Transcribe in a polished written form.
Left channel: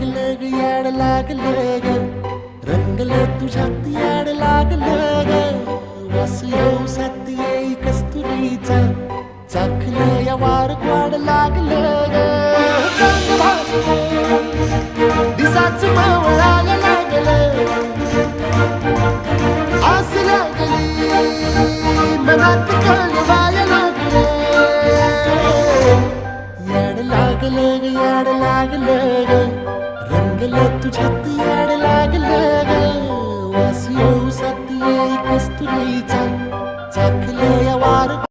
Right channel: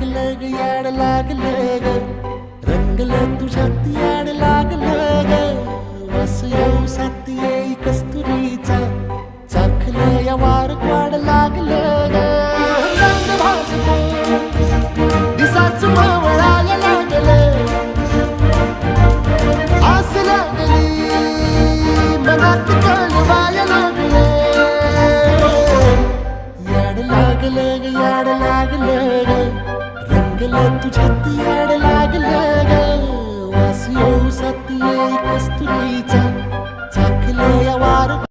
लागलं ग याड लागलं ग रंगलं तुझ्यात याड लागलं ग वास येऊ साथ येई कस्तुरीचा चाखलं या वार वाड लागलं ग चांग भासतं दिसाच मवळायला लागलं आस लागली मनात कळवायला लागलं याड लागलं ग याड लागलं ग रंगलं तुझ्यात याड लागलं ग वास येऊ साथ येई कस्तुरीचा चाखलं या वार